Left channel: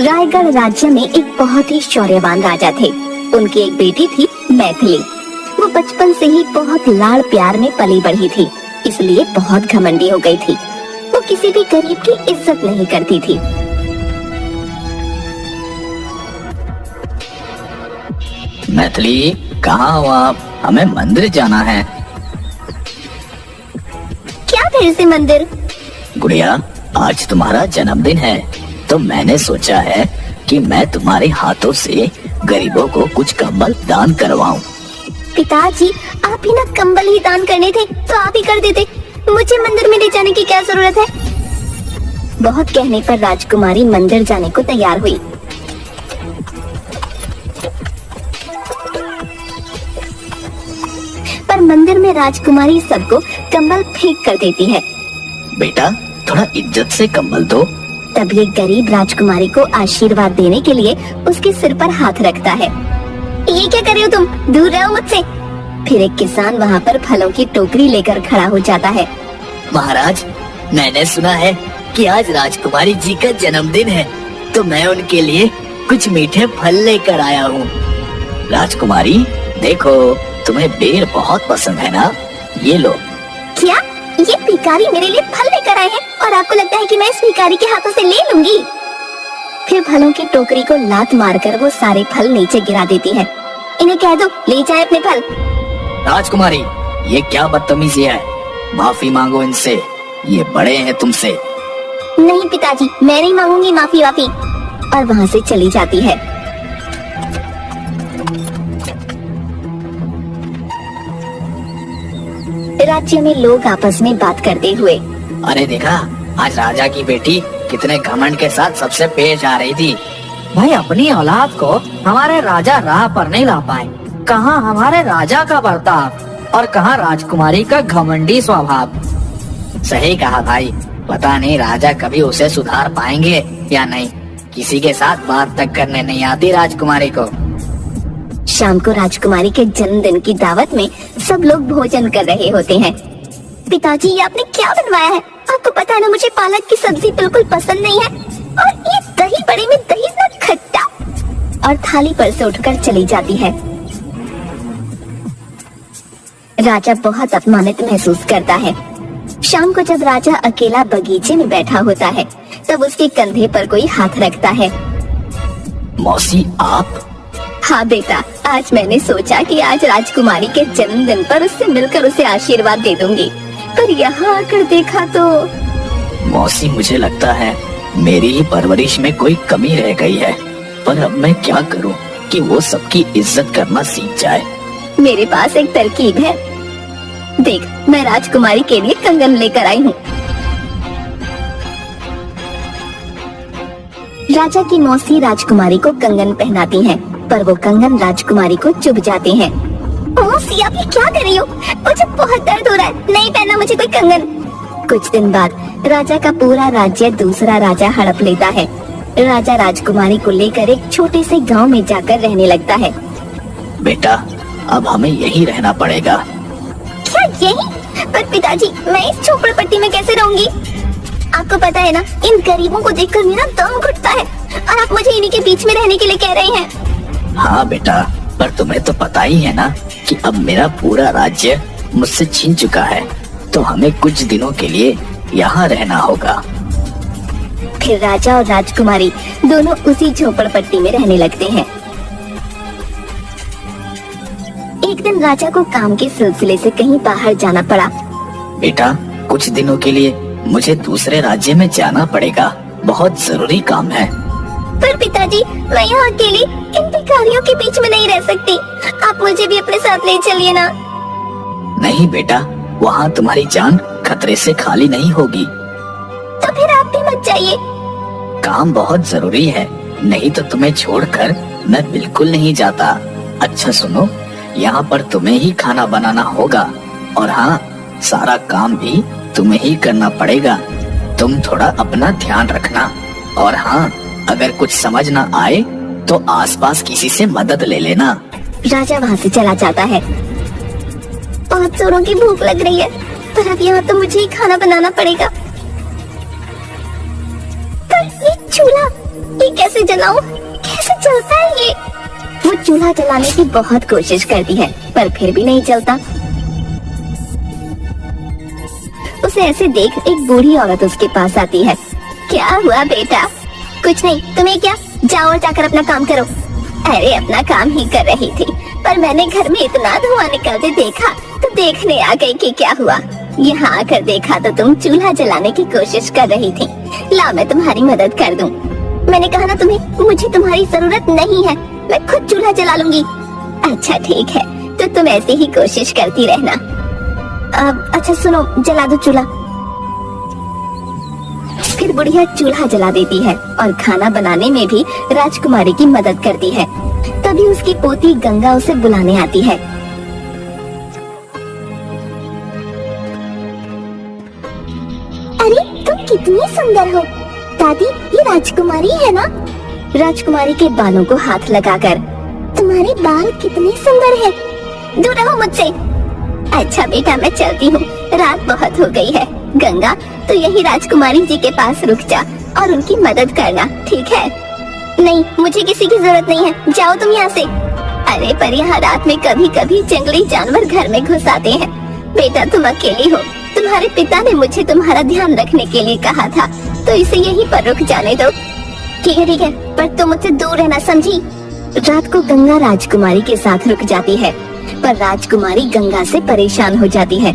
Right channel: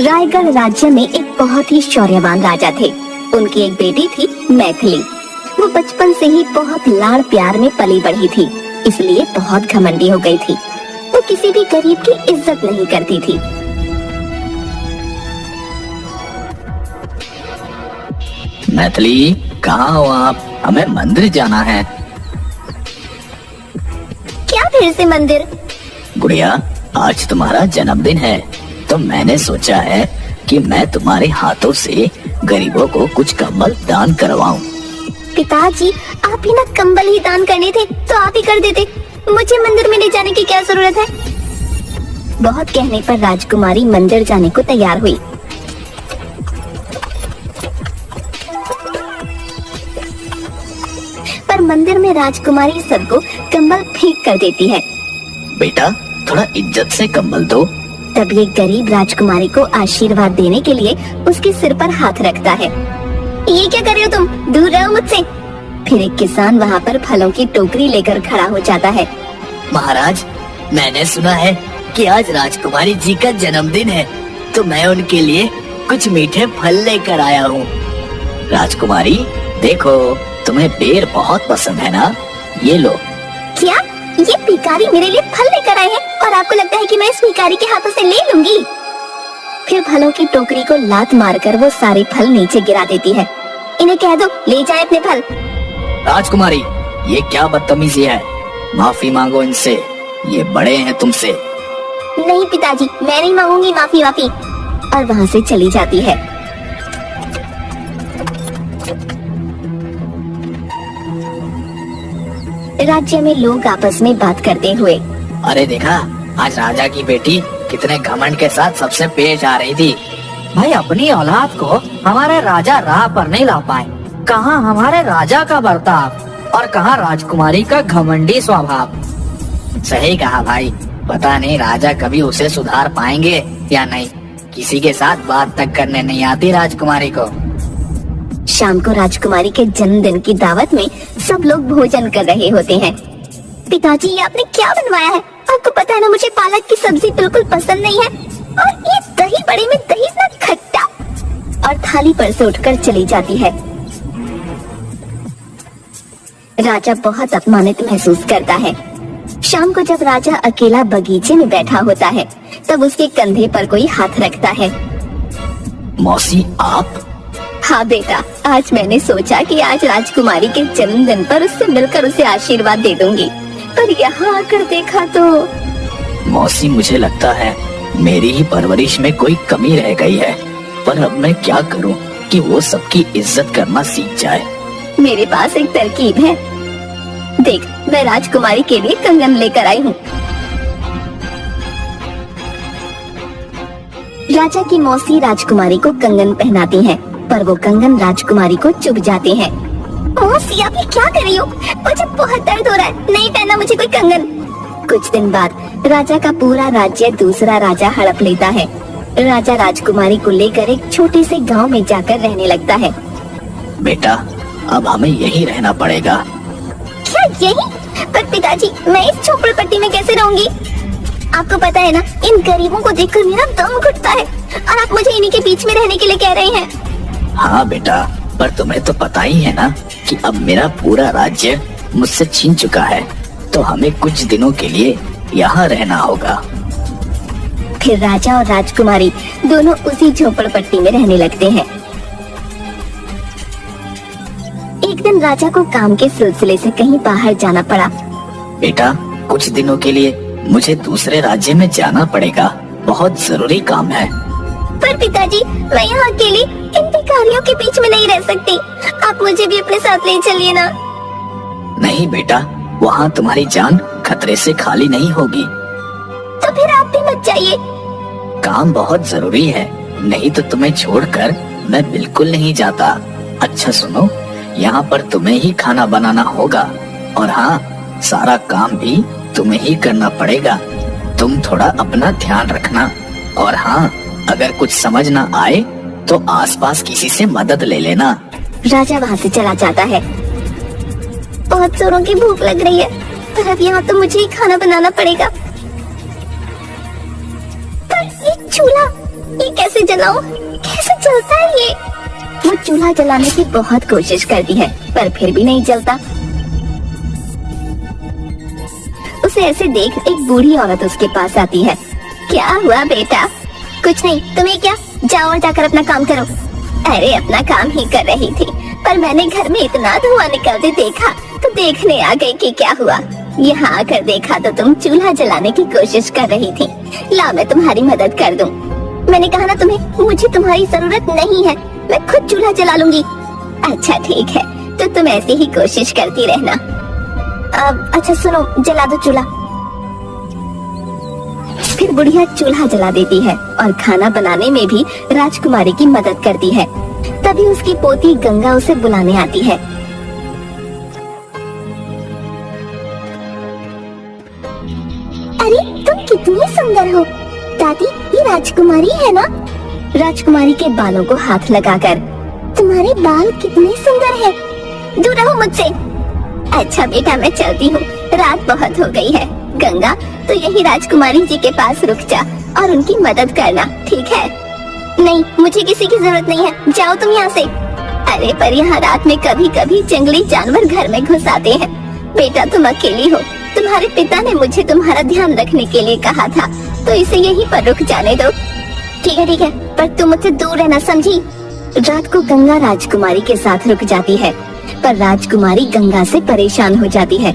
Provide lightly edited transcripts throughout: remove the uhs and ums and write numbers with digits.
रायगढ़ राज्य में एक बहुत ही शौर्यवान राजा थे। उनकी एक बेटी थी मैथिली। वो बचपन से ही बहुत लाड़ प्यार में पली बढ़ी थी, इसलिए बहुत घमंडी हो गई थी। वो किसी भी गरीब की इज्जत नहीं करती थी। मैथिली, कहाँ हो आप? हमें मंदिर जाना है। क्या फिर से मंदिर? गुड़िया, आज तुम्हारा जन्मदिन है, तो मैंने सोचा है कि मैं तुम्हारे हाथों से गरीबों को कुछ कंबल दान करवाऊं। पिताजी, आप ही ना कंबल ही दान करने थे तो आप ही कर देते। मुझे मंदिर में ले जाने की क्या जरूरत है? बहुत कहने पर राजकुमारी मंदिर जाने को तैयार हुई। पर मंदिर में राजकुमारी सबको कंबल फेंक कर देती है। बेटा, थोड़ा इज्जत से कंबल दो। तभी गरीब राजकुमारी को आशीर्वाद देने के लिए उसके सिर पर हाथ रखता है। ये क्या कर रहे हो तुम? दूर रहो मुझसे। फिर एक किसान वहाँ पर फलों की टोकरी लेकर खड़ा हो जाता है। महाराज, मैंने सुना है कि आज राजकुमारी जी का जन्मदिन है, तो मैं उनके लिए कुछ मीठे फल लेकर आया हूँ। राजकुमारी, देखो, तुम्हें बेर बहुत पसंद है ना? ये लो। क्या? ये भिखारी मेरे लिए फल लेकर आए हैं और आपको लगता है कि मैं इस भिखारी के हाथों से ले लूंगी? फिर फलों की टोकरी को लात मारकर वो सारे फल नीचे गिरा देती है। इन्हें कह दो ले जाएं अपने फल। राजकुमारी, ये क्या बदतमीजी है? माफी मांगो इनसे, ये बड़े हैं तुमसे। नहीं पिताजी, मैं नहीं मांगूंगी माफी वाफी। और वहाँ से चली जाती है। राज्य में लोग आपस में बात करते हुए, अरे देखा, आज राजा की बेटी कितने घमंड के साथ सबसे पेश आ रही थी। भाई, अपनी औलाद को हमारे राजा राह पर नहीं ला पाए। कहाँ हमारे राजा का बर्ताव और कहाँ राजकुमारी का घमंडी स्वभाव। सही कहा भाई, पता नहीं राजा कभी उसे सुधार पाएंगे या नहीं। किसी के साथ बात तक करने नहीं आती राजकुमारी को। शाम को राजकुमारी के जन्मदिन की दावत में सब लोग भोजन कर रहे होते हैं। पिताजी, ये आपने क्या बनवाया है? आपको पता है ना, मुझे पालक की सब्जी बिल्कुल पसंद नहीं है। और ये दही बड़े में दही इतना खट्टा। और थाली पर से उठकर चली जाती है। राजा बहुत अपमानित महसूस करता है। शाम को जब राजा अकेला बगीचे में बैठा होता है, तब उसके कंधे पर कोई हाथ रखता है। मौसी, आप? हाँ बेटा, आज मैंने सोचा कि आज राजकुमारी के जन्मदिन पर उससे मिलकर उसे आशीर्वाद दे दूंगी, पर यहाँ आकर देखा तो। मौसी, मुझे लगता है मेरी ही परवरिश में कोई कमी रह गई है, पर अब मैं क्या करूँ कि वो सबकी इज्जत करना सीख जाए। मेरे पास एक तरकीब है। देख, मैं राजकुमारी के लिए कंगन लेकर आई हूँ। राजा की मौसी राजकुमारी को कंगन पहनाती है, पर वो कंगन राजकुमारी को चुभ जाती है। मौसी, आप ये क्या कर रही हो? मुझे बहुत दर्द हो रहा है, नहीं पहना मुझे कोई कंगन। कुछ दिन बाद राजा का पूरा राज्य दूसरा राजा हड़प लेता है। राजा राजकुमारी को लेकर एक छोटे से गांव में जाकर रहने लगता है। बेटा, अब हमें यही रहना पड़ेगा। क्या यही? पर पिताजी, मैं इस झोपड़पट्टी में कैसे रहूंगी? आपको पता है ना, इन गरीबों को देखकर मेरा दम घुटता है और आप मुझे इन्हीं के बीच में रहने के लिए कह रही हैं। हाँ बेटा, पर तुम्हें तो पता ही है ना कि अब मेरा पूरा राज्य मुझसे छीन चुका है, तो हमें कुछ दिनों के लिए यहाँ रहना होगा। फिर राजा और राजकुमारी दोनों उसी झोपड़पट्टी में रहने लगते हैं। एक दिन राजा को काम के सिलसिले से कहीं बाहर जाना पड़ा। बेटा, कुछ दिनों के लिए मुझे दूसरे राज्य में जाना पड़ेगा, बहुत जरूरी काम है। पर पिताजी, मैं यहाँ अकेली इन भिखारियों के बीच में नहीं रह सकती। आप मुझे भी अपने साथ ले चलिए ना। नहीं बेटा, वहाँ तुम्हारी जान खतरे से खाली नहीं होगी। तो फिर आप भी मत जाइए। काम बहुत जरूरी है, नहीं तो तुम्हें छोड़कर मैं बिल्कुल नहीं जाता। अच्छा सुनो, यहाँ पर तुम्हें ही खाना बनाना होगा, और हाँ, सारा काम भी तुम्हें ही करना पड़ेगा। तुम थोड़ा अपना ध्यान रखना, और हाँ, अगर कुछ समझ ना आए तो आसपास किसी से मदद ले लेना। राजा वहाँ से चला जाता है। बहुत जोरों की भूख लग रही है, पर अब यहाँ तो मुझे ही खाना बनाना पड़ेगा। पर चूल्हा, ये कैसे जलाऊं? कैसे जलता है ये? वो चूल्हा जलाने की बहुत कोशिश करती है पर फिर भी नहीं जलता। उसे ऐसे देख एक बूढ़ी औरत उसके पास आती है। क्या हुआ बेटा? कुछ नहीं, तुम्हें क्या? जाओ और जाकर अपना काम करो। अरे अपना काम ही कर रही थी पर मैंने घर में इतना धुआं निकलते देखा तो देखने आ गई कि क्या हुआ। यहाँ आकर देखा तो तुम चूल्हा जलाने की कोशिश कर रही थी। ला मैं तुम्हारी मदद कर दूं। मैंने कहा ना तुम्हें, मुझे तुम्हारी जरूरत नहीं है, मैं खुद चूल्हा जला लूंगी। अच्छा ठीक है, तो तुम ऐसी ही कोशिश करती रहना। अच्छा सुनो, जला दो चूल्हा। फिर बुढ़िया चूल्हा जला देती है और खाना बनाने में भी राजकुमारी की मदद करती है। तभी उसकी पोती गंगा उसे बुलाने आती है। अरे तुम कितनी सुंदर हो दादी, ये राजकुमारी है ना? राजकुमारी के बालों को हाथ लगाकर, तुम्हारे बाल कितने सुंदर है, दूर रहो मुझसे। अच्छा बेटा मैं चलती हूँ, रात बहुत हो गई है। गंगा तो यही राजकुमारी जी के पास रुक जा और उनकी मदद करना, ठीक है? नहीं, मुझे किसी की जरूरत नहीं है, जाओ तुम यहाँ से। अरे पर यहाँ रात में कभी कभी जंगली जानवर घर में घुस आते हैं। बेटा तुम अकेली हो, तुम्हारे पिता ने मुझे तुम्हारा ध्यान रखने के लिए कहा था, तो इसे यहीं पर रुक जाने दो। ठीक है, पर तुम मुझसे दूर रहना, समझी? रात को गंगा राजकुमारी के साथ रुक जाती है पर राजकुमारी गंगा से परेशान हो जाती है।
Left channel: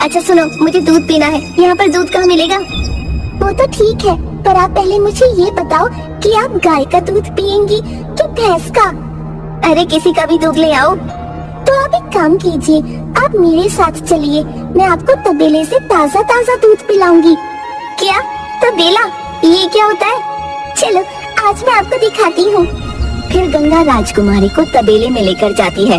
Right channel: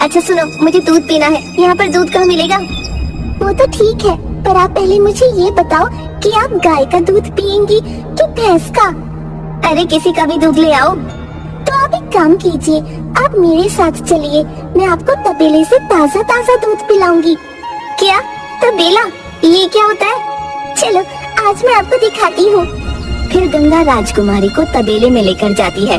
अच्छा सुनो, मुझे दूध पीना है, यहाँ पर दूध कहाँ मिलेगा? वो तो ठीक है, पर आप पहले मुझे ये बताओ कि आप गाय का दूध पियेंगी कि भैंस का? अरे किसी का भी दूध ले आओ। तो आप एक काम कीजिए, आप मेरे साथ चलिए, मैं आपको तबेले से ताज़ा ताज़ा दूध पिलाऊंगी। क्या? तबेला? ये क्या होता है? चलो आज मैं आपको दिखाती हूँ। फिर गंगा राजकुमारी को तबेले में लेकर जाती है।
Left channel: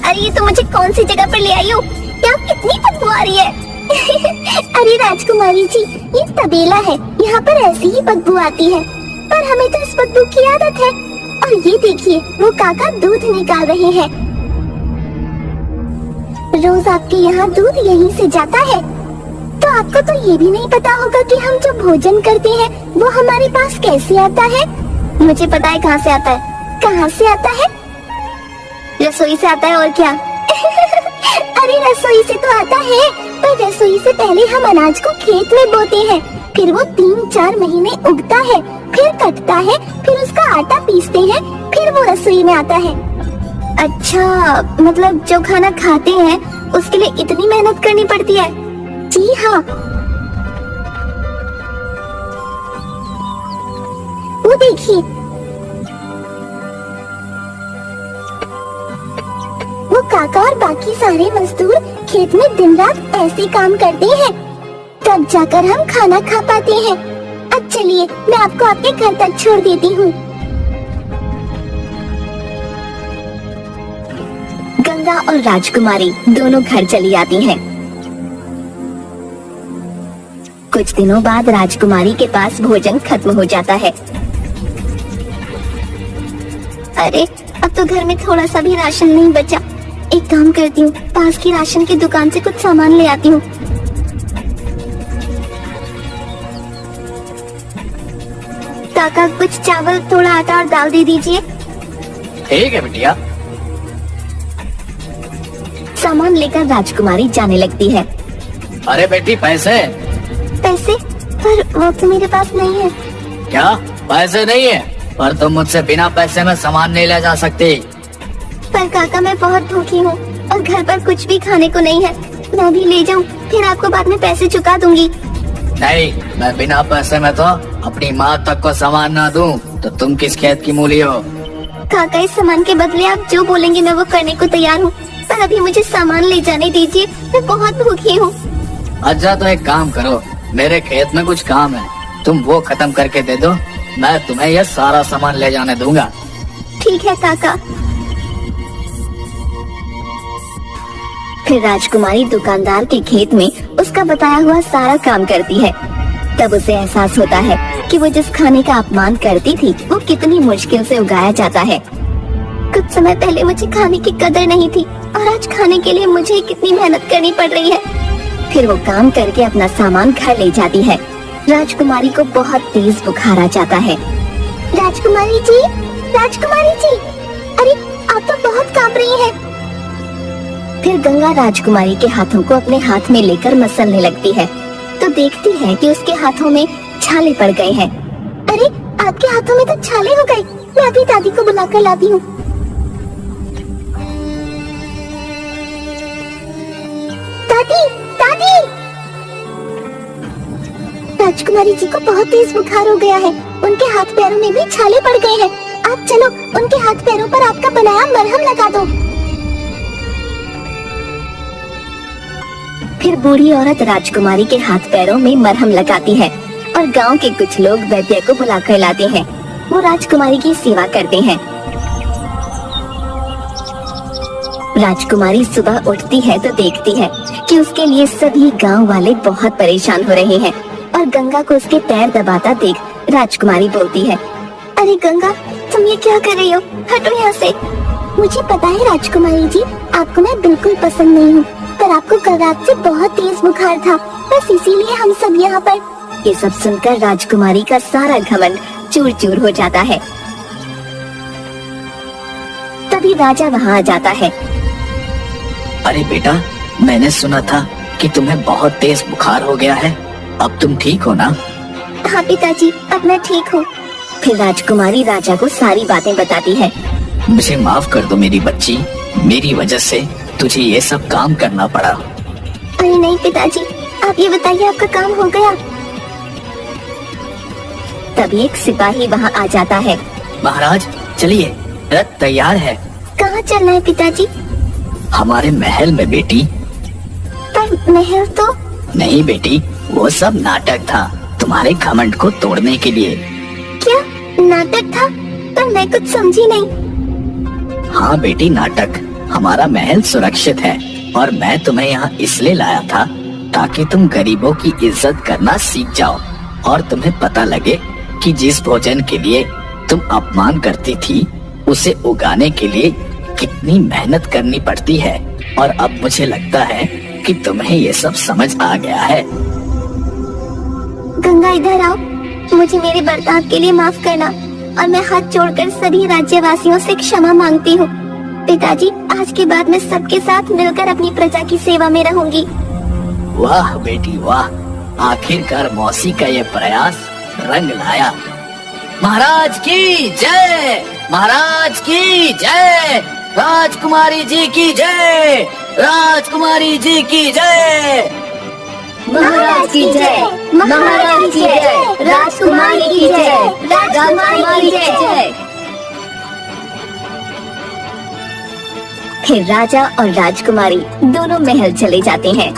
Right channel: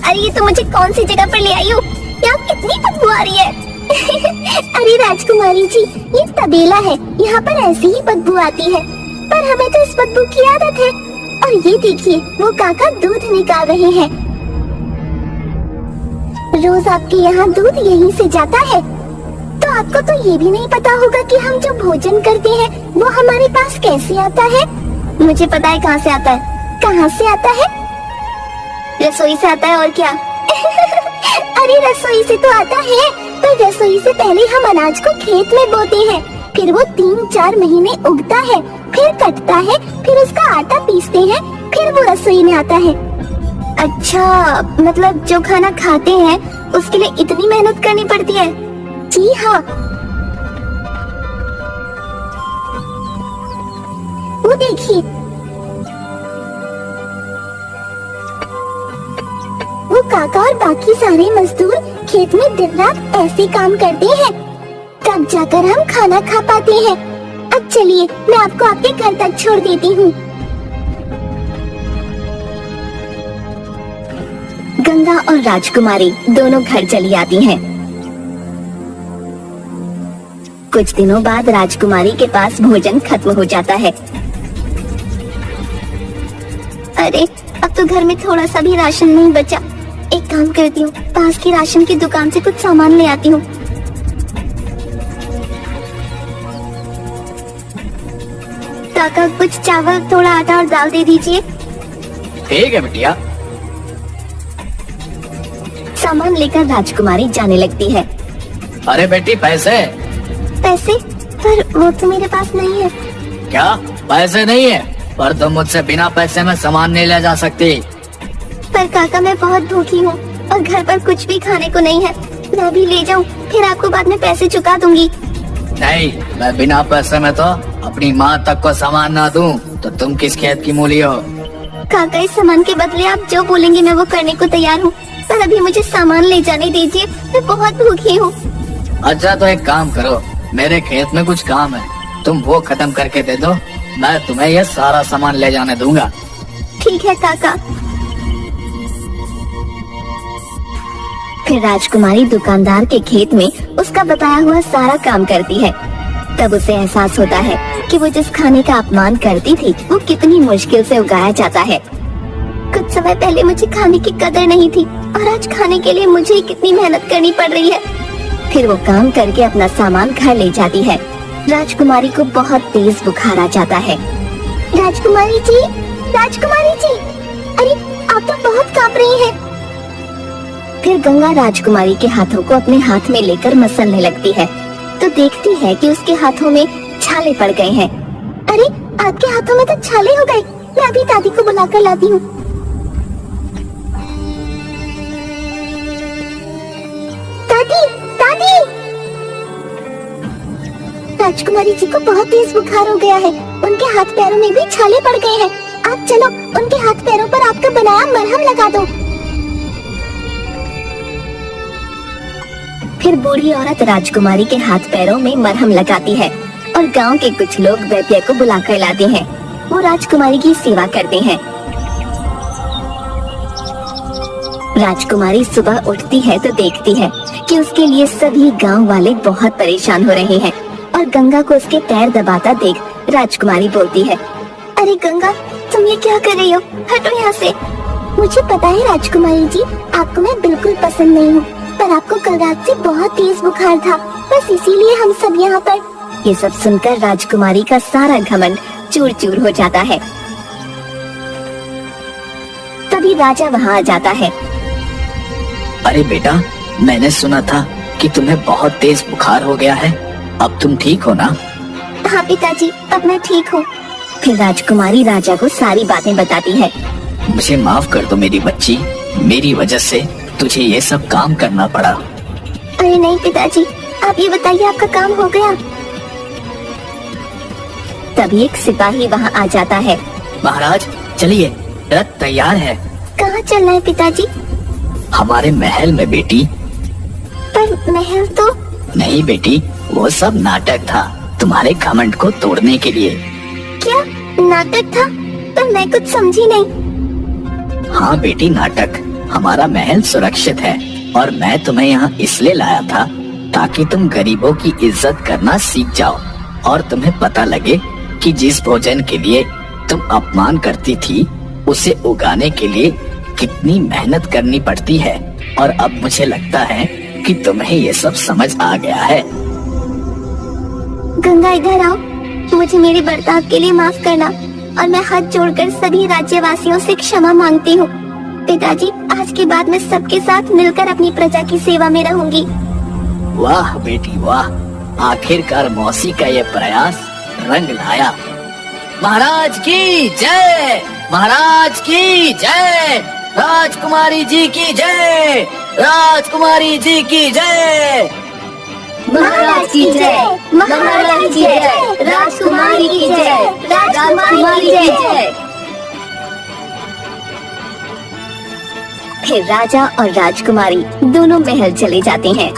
अरे ये तो मुझे कौन सी जगह पर ले आई हो? यहाँ कितनी बदबू आ रही है। अरे राजकुमारी जी, ये तबेला है, यहाँ पर ऐसी ही बदबू आती है, पर हमें तो इस बदबू की आदत है। और ये देखिए, वो काका दूध निकाल रहे हैं। रोज आपके यहाँ दूध यहीं से जाता है, तो आपको तो ये भी नहीं पता होगा कि हम जो भोजन करते हैं वो हमारे पास कैसे आता है? मुझे पता है कहाँ से आता है। कहाँ से आता है? रसोई से आता है, और क्या? अरे रसोई से तो आता है, पर रसोई से पहले हम अनाज को खेत में बोते हैं, फिर वो 3-4 महीने उगता है, फिर कटता है, फिर उसका आटा पीसते हैं, फिर वो रसोई में आता है। अच्छा, मतलब जो खाना खाते हैं उसके लिए इतनी मेहनत करनी पड़ती है? जी हाँ। वो देखिए, वो काका और बाकी सारे मजदूर खेत में दिन रात ऐसे काम करते हैं, तब जाकर हम खाना खा पाते हैं। अब चलिए, मैं आपको आपके घर तक छोड़ देती हूँ। गंगा और राजकुमारी दोनों घर चली आती हैं। कुछ दिनों बाद राजकुमारी के पास भोजन खत्म हो जाता है। अरे अब तो घर में थोड़ा सा भी राशन नहीं बचा। एक काम करती हूँ, पास की राशन की दुकान से कुछ सामान ले आती हूँ। काका कुछ चावल, थोड़ा आटा और दाल दे दीजिए। ठीक है बिटिया। सामान लेकर राजकुमारी जाने लगती है। अरे बेटी पैसे? पैसे? पर वो तो मेरे पास नहीं है। क्या पैसे नहीं है? पर तुम मुझसे बिना पैसे में सामान नहीं ले जा सकती। पर काका मैं बहुत भूखी हूँ और घर पर कुछ भी खाने को नहीं है। मैं भी ले जाऊँ, फिर आपको बाद में पैसे चुका दूंगी। नहीं, मैं बिना पैसे में तो अपनी माँ तक को सामान ना दूं, तो तुम किस खेत की मूली हो? काका इस सामान के बदले आप जो बोलेंगे मैं वो करने को तैयार हूँ, पर अभी मुझे सामान ले जाने दीजिए, मैं बहुत भूखी हूँ। अच्छा तो एक काम करो, मेरे खेत में कुछ काम है, तुम वो खत्म करके दे दो, मैं तुम्हें ये सारा सामान ले जाने दूंगा। ठीक है काका। फिर राजकुमारी दुकानदार के खेत में उसका बताया हुआ सारा काम करती है। तब उसे एहसास होता है कि वो जिस खाने का अपमान करती थी वो कितनी मुश्किल से उगाया जाता है। कुछ समय पहले मुझे खाने की कदर नहीं थी और आज खाने के लिए मुझे कितनी मेहनत करनी पड़ रही है। फिर वो काम करके अपना सामान घर ले जाती है। राजकुमारी को बहुत तेज बुखार आ जाता है। राजकुमारी जी, राजकुमारी जी, अरे आप तो बहुत कांप रही हैं। फिर गंगा राजकुमारी के हाथों को अपने हाथ में लेकर मसलने लगती है तो देखती है कि उसके हाथों में छाले पड़ गए हैं। अरे आपके हाथों में तो छाले हो गए, मैं अभी दादी को बुलाकर लाती हूँ। दादी, दादी! राजकुमारी जी को बहुत तेज बुखार हो गया है, उनके हाथ पैरों में भी छाले पड़ गए हैं। आप चलो उनके हाथ पैरों पर आपका बनाया मरहम लगा दो। फिर बूढ़ी औरत राजकुमारी के हाथ पैरों में मरहम लगाती है और गांव के कुछ लोग वैद्य को बुलाकर लाते हैं। वो राजकुमारी की सेवा करते हैं। राजकुमारी सुबह उठती है तो देखती है कि उसके लिए सभी गांव वाले बहुत परेशान हो रहे हैं और गंगा को उसके पैर दबाता देख राजकुमारी बोलती है, अरे गंगा, तुम ये क्या कर रही हो? हटो यहाँ से। मुझे पता है राजकुमारी जी, आपको मैं बिल्कुल पसंद नहीं हूँ, पर आपको कल रात से बहुत तेज बुखार था, बस इसीलिए हम सब यहाँ पर। ये सब सुनकर राजकुमारी का सारा घमंड चूर चूर हो जाता है। तभी राजा वहाँ आ जाता है। अरे बेटा, मैंने सुना था कि तुम्हें बहुत तेज बुखार हो गया है, अब तुम ठीक हो ना? हाँ पिताजी, अब मैं ठीक हूँ। फिर राजकुमारी राजा को सारी बातें बताती है। मुझे माफ कर दो मेरी बच्ची, मेरी वजह से तुझे ये सब काम करना पड़ा। अरे नहीं पिताजी, आप ये बताइए आपका काम हो गया? तभी एक सिपाही वहाँ आ जाता है। महाराज चलिए, रथ तैयार है। कहाँ चलना है पिताजी? हमारे महल में बेटी। पर महल तो। नहीं बेटी, वो सब नाटक था तुम्हारे घमंड को तोड़ने के लिए। क्या नाटक था? पर मैं कुछ समझी नहीं। हाँ बेटी, नाटक। हमारा महल सुरक्षित है और मैं तुम्हें यहाँ इसलिए लाया था ताकि तुम गरीबों की इज्जत करना सीख जाओ और तुम्हें पता लगे कि जिस भोजन के लिए तुम अपमान करती थी उसे उगाने के लिए कितनी मेहनत करनी पड़ती है। और अब मुझे लगता है कि तुम्हें ये सब समझ आ गया है। गंगा इधर आओ, मुझे मेरे बर्ताव के लिए माफ करना और मैं हाथ जोड़कर सभी राज्यवासियों से क्षमा मांगती हूँ। पिताजी, आज के बाद मैं सबके साथ मिलकर अपनी प्रजा की सेवा में रहूंगी। वाह बेटी वाह, आखिरकार मौसी का ये प्रयास रंग लाया। महाराज की जय, महाराज की जय, राजकुमारी जी की जय, राजकुमारी जी की जय, महाराज की जय, महारानी की जय, राजकुमारी की जय, राजकुमारी की जय। फिर राजा और राजकुमारी दोनों महल चले जाते हैं।